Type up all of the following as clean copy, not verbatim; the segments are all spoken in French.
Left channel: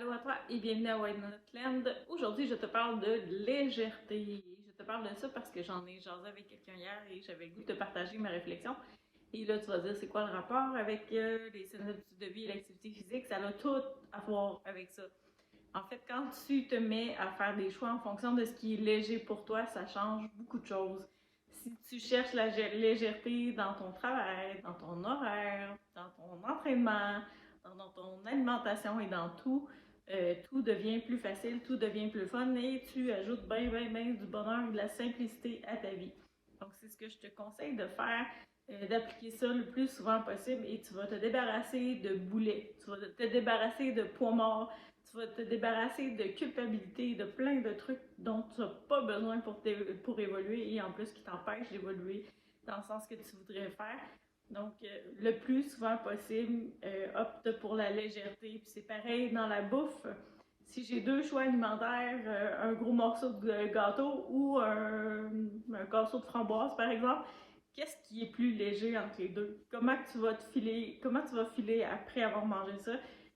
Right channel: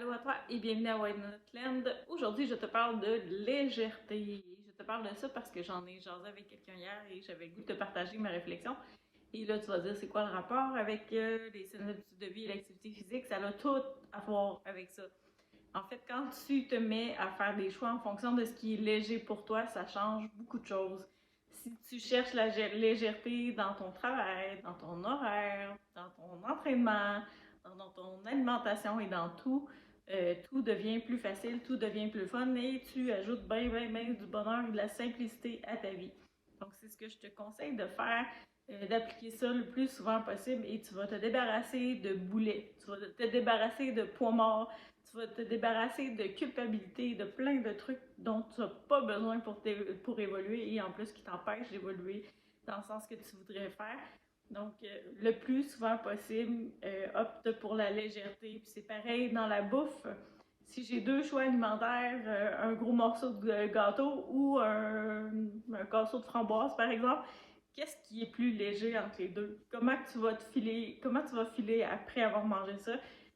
Allô à toi et bienvenue à White Land. Aujourd'hui, je te parle de légèreté. Je te parle de ça parce que j'en ai jasé avec quelqu'un hier et j'avais le goût de te partager ma réflexion. Et là, tu vas dire, c'est quoi le rapport avec les saines habitudes de vie et l'activité physique? Ça a tout à voir avec ça. En fait, quand tu te mets à faire des choix en fonction de ce qui est léger pour toi, ça change beaucoup de choses. Si tu cherches la légèreté dans ton travail, dans ton horaire, dans ton entraînement, dans ton alimentation et dans tout, tout devient plus facile, tout devient plus fun et tu ajoutes bien du bonheur et de la simplicité à ta vie. Donc, c'est ce que je te conseille de faire, d'appliquer ça le plus souvent possible et tu vas te débarrasser de boulets, tu vas te débarrasser de poids morts, tu vas te débarrasser de culpabilité, de plein de trucs dont tu n'as pas besoin pour évoluer et en plus qui t'empêchent d'évoluer dans le sens que tu voudrais faire. Donc, le plus souvent possible, opte pour la légèreté. Puis c'est pareil dans la bouffe. Si j'ai deux choix alimentaires, un gros morceau de gâteau ou un casseau de framboise, par exemple, qu'est-ce qui est plus léger entre les deux? Comment tu vas filer après avoir mangé ça?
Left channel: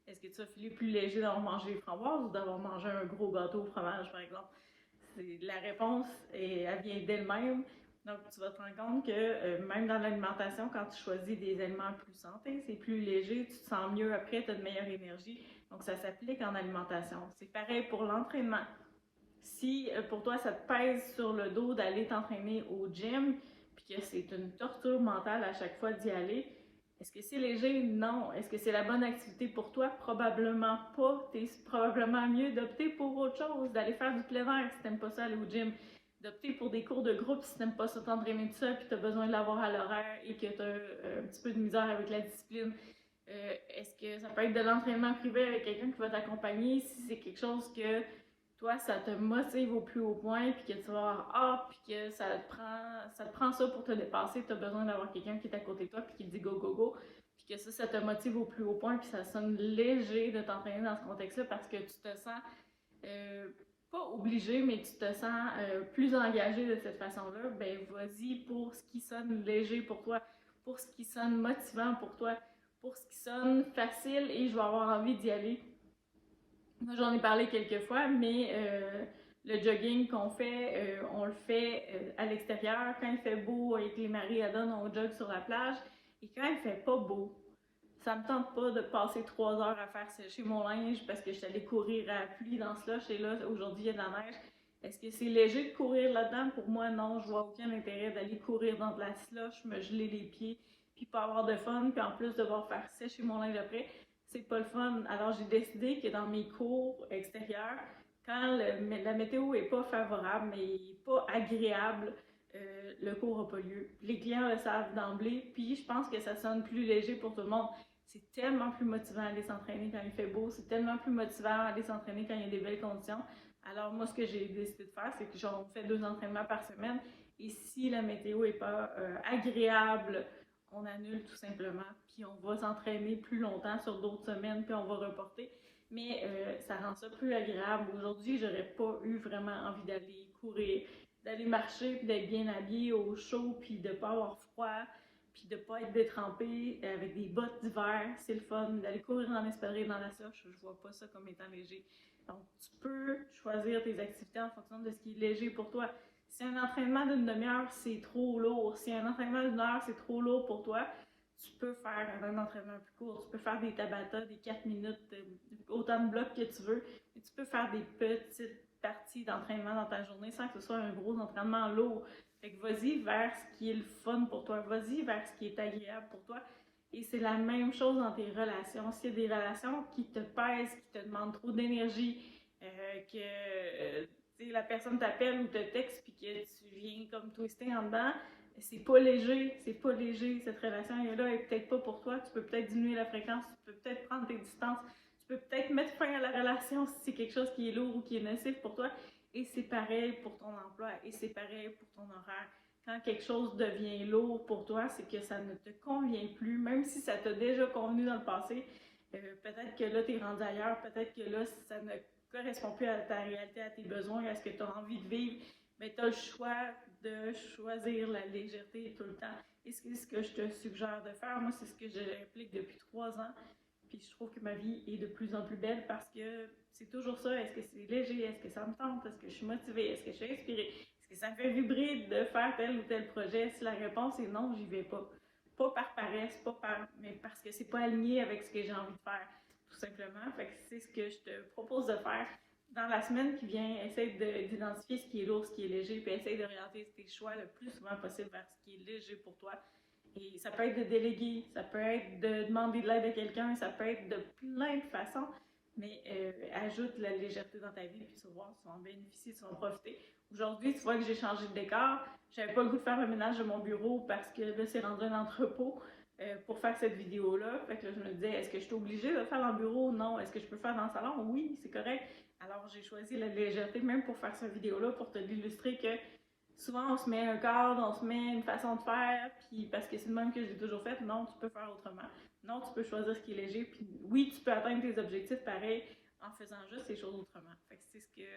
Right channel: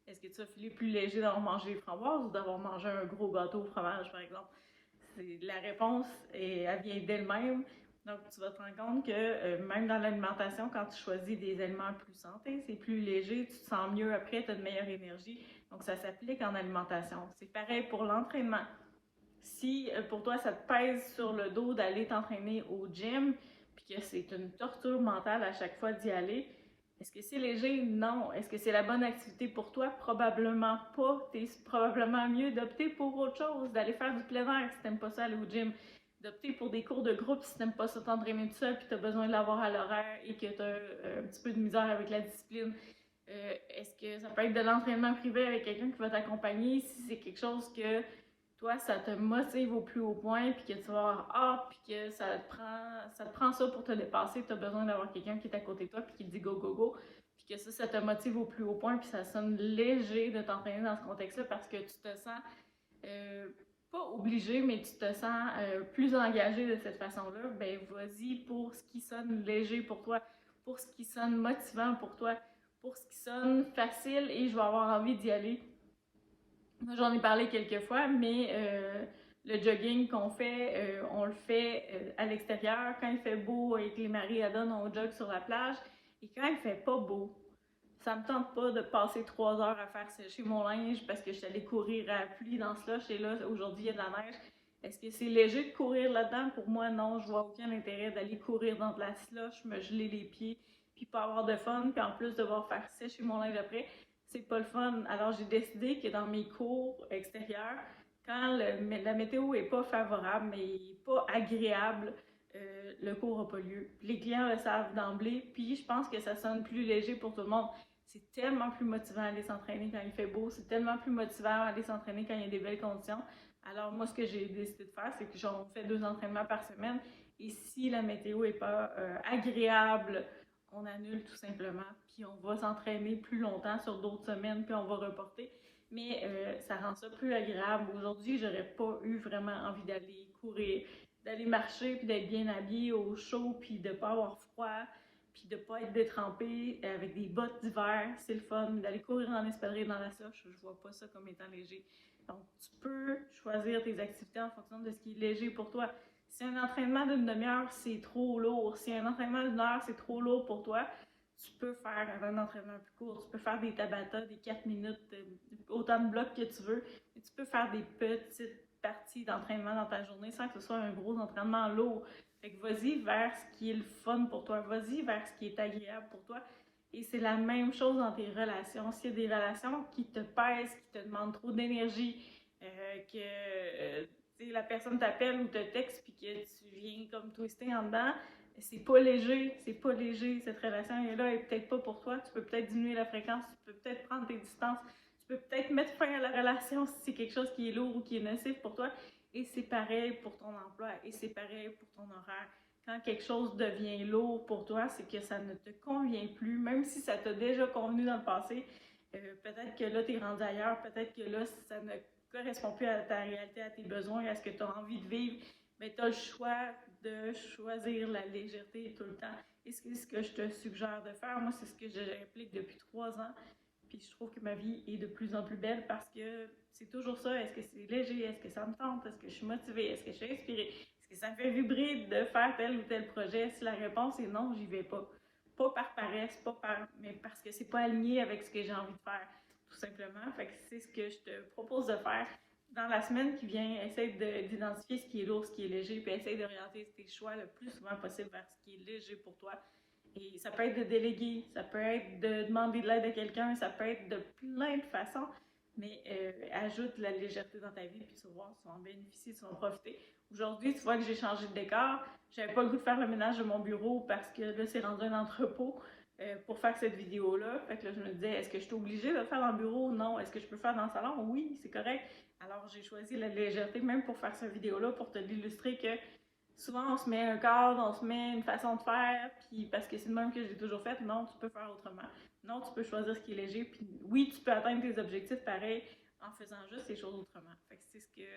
Est-ce que tu vas filer plus léger d'avoir mangé les framboises ou d'avoir mangé un gros gâteau au fromage, par exemple? La réponse, elle vient d'elle-même. Donc, tu vas te rendre compte que même dans l'alimentation, quand tu choisis des aliments plus santé, c'est plus léger, tu te sens mieux après, tu as de meilleure énergie. Donc, ça s'applique en alimentation. C'est pareil pour l'entraînement. Si pour toi, ça te pèse sur le dos d'aller t'entraîner au gym, puis que c'est une torture mentale à chaque fois d'y aller, est-ce que c'est léger? Non. Est-ce que c'est la bonne activité pour toi? Probablement pas. T'es probablement mieux d'opter pour autre chose, d'aller faire du plein air si t'aimes pas ça aller au gym, d'opter pour des cours de groupe si t'aimes pas ça t'entraîner tout seul puis t'as besoin de l'avoir à l'horaire et que t'as un petit peu de misère avec la discipline. Est-ce que ça peut être de l'entraînement privé avec quelqu'un qui va t'accompagner si c'est quelque chose que toi, ça te motive au plus haut point, puis que tu vas avoir hâte, puis que ça te prend ça pour te dépasser, tu as besoin d'avoir quelqu'un qui est à côté de toi, puis qui te dit go, go, go, puis que ça te motive au plus haut point, puis ça sonne léger de t'entraîner dans ce contexte-là parce que tu te sens euh, pas obligé, mais tu te sens plus engagé de cette façon-là, ben vas-y pour ce qui sonne léger pour toi, pour ce qui sonne motivant pour toi, pour ce qui sonne facile et je vais avoir envie d'y aller. Moi, j'en ai parlé quelques fois, mais le jogging qu'on fait, on le fait à l'extérieur. Quand il fait beau avec les marées à donne, on jogue sur la plage. Et quand il fait pas beau, ça me tente pas de passer 3 heures à faire sécher mon linge parce que je suis allée courir à la pluie dans ce slush et là, aujourd'hui, il y a de la neige. Est-ce que c'est léger de courir là-dedans? Pour moi, non. Je vois aucun intérêt d'aller courir dans de la slush, me geler les pieds, puis pas avoir de fun, puis en plus devoir faire sécher mon linge après. C'est pas le fun. Alors, j'ai décidé que dans mes cours extérieurs, quand la météo est pas favorable, mais pas agréable, le cours n'a pas lieu. Les clients le savent d'emblée, puis je pense que ça sonne plus léger pour tout le monde. C'est tellement plus motivant d'aller s'entraîner quand il fait beau, c'est tellement plus motivant d'aller s'entraîner quand il y a des belles conditions. Alors moi, ce que j'ai décidé de faire, c'est que on fait 2 entraînements par semaine, et si la météo n'est pas agréable, on annule tout simplement, puis on va s'entraîner plus longtemps sur d'autres semaines, puis on va reporter. Mais ça rend ça plus agréable. Aujourd'hui, j'aurais pas eu vraiment envie d'aller courir, d'aller marcher, puis d'être bien habillée au chaud, puis de pas avoir froid, puis de pas être détrempée avec des bottes d'hiver. C'est le fun. D'aller courir en espadrille dans la soche, je vois pas ça comme étant léger. Donc, tu peux choisir tes activités en fonction de ce qui est léger pour toi. Si un entraînement d'une demi-heure, c'est trop lourd, si un entraînement d'une heure, c'est trop lourd pour toi, tu peux faire un entraînement plus court. Tu peux faire des Tabata, des 4 minutes, autant de blocs que tu veux. Mais tu peux faire des petites parties d'entraînement dans ta journée sans que ce soit un gros entraînement lourd. Fait que vas-y vers ce qui est le fun pour toi. Vas-y vers ce qui est agréable pour toi. Et c'est la même chose dans tes relations. S'il y a des relations qui te pèsent, qui te demandent trop d'énergie, que la personne t'appelle ou te texte puis que tu viens comme twister en dedans, c'est pas léger cette relation-là est peut-être pas pour toi, tu peux peut-être diminuer la fréquence, tu peux peut-être prendre tes distances, tu peux peut-être mettre fin à la relation si c'est quelque chose qui est lourd ou qui est nocif pour toi, et c'est pareil pour ton emploi, et c'est pareil pour ton horaire. Quand quelque chose devient lourd pour toi, c'est que ça ne te convient plus, même si ça t'a déjà convenu dans le passé, peut-être que là, tu es rendu ailleurs, peut-être que là, ça ne correspond plus à ta réalité, à tes besoins, à ce que tu as envie de vivre, mais tu as le choix de choisir la légèreté tout le temps. Et c'est ce que je te suggère de faire. Moi, c'est ce que j'applique depuis 3 ans. Puis je trouve que ma vie est de plus en plus belle parce que contente? Est-ce que je suis motivée? Est-ce que je suis inspirée? Est-ce que ça me fait vibrer de faire tel ou tel projet? Si la réponse est non, j'y vais pas. Pas par paresse, mais parce que c'est pas aligné avec ce que j'ai envie de faire, tout simplement. Fait que c'est ce que je te propose de faire. Dans la semaine qui vient, essaye d'identifier ce qui est lourd, ce qui est léger, puis essaye d'orienter tes choix le plus souvent possible vers ce qui est léger pour toi. Et ça peut être de déléguer, ça peut être de demander de l'aide à quelqu'un, ça peut être de plein de façons, mais ajoute la légèreté dans ta vie, puis tu vas voir, tu vas en bénéficier, tu vas en profiter. Aujourd'hui, tu vois que j'ai changé de décor. J'avais pas le goût de faire le ménage de mon bureau parce que là, c'est rendu un entrepôt pour faire cette vidéo-là. Fait que là, je me disais, est-ce que je suis obligée de le faire dans le bureau? Non. Est-ce que je peux le faire dans le salon? Oui, c'est correct. Alors, j'ai choisi la légèreté, même pour faire cette vidéo-là, pour te l'illustrer que souvent, on se met un cadre, on se met une façon de faire, puis parce que c'est le même que j'ai toujours fait, non, tu peux faire autrement. Non, tu peux choisir ce qui est léger, puis oui, tu peux atteindre tes objectifs pareil en faisant juste les choses autrement. Fait que c'est ce que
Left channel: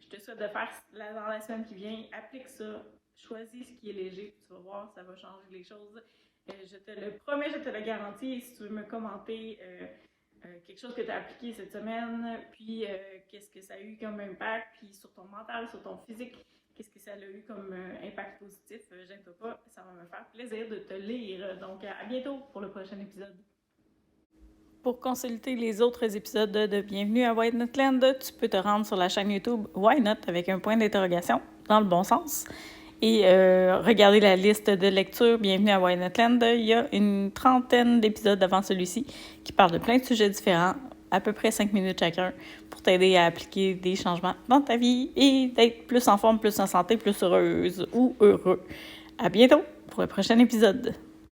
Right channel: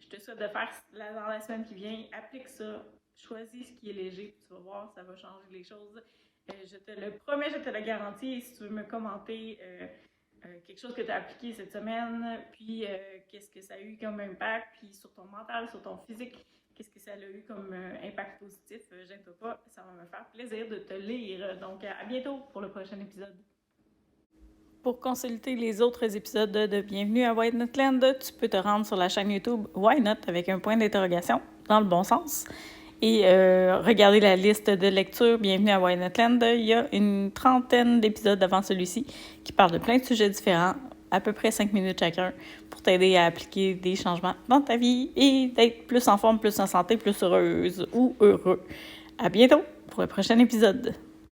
je te souhaite de faire dans la semaine qui vient. Applique ça, choisis ce qui est léger, puis tu vas voir, ça va changer les choses. Je te le promets, je te le garantis. Et si tu veux me commenter quelque chose que tu as appliqué cette semaine, puis qu'est-ce que ça a eu comme impact, puis sur ton mental, sur ton physique, qu'est-ce que ça a eu comme impact positif, gêne-toi pas, ça va me faire plaisir de te lire. Donc, à bientôt pour le prochain épisode. Pour consulter les autres épisodes de Bienvenue à Why Not Land, tu peux te rendre sur la chaîne YouTube Why Not avec un point d'interrogation dans le bon sens. Et regarder la liste de lecture Bienvenue à Why Not Land. Il y a une trentaine d'épisodes avant celui-ci qui parlent de plein de sujets différents, à peu près 5 minutes chacun, pour t'aider à appliquer des changements dans ta vie et d'être plus en forme, plus en santé, plus heureuse ou heureux. À bientôt pour le prochain épisode.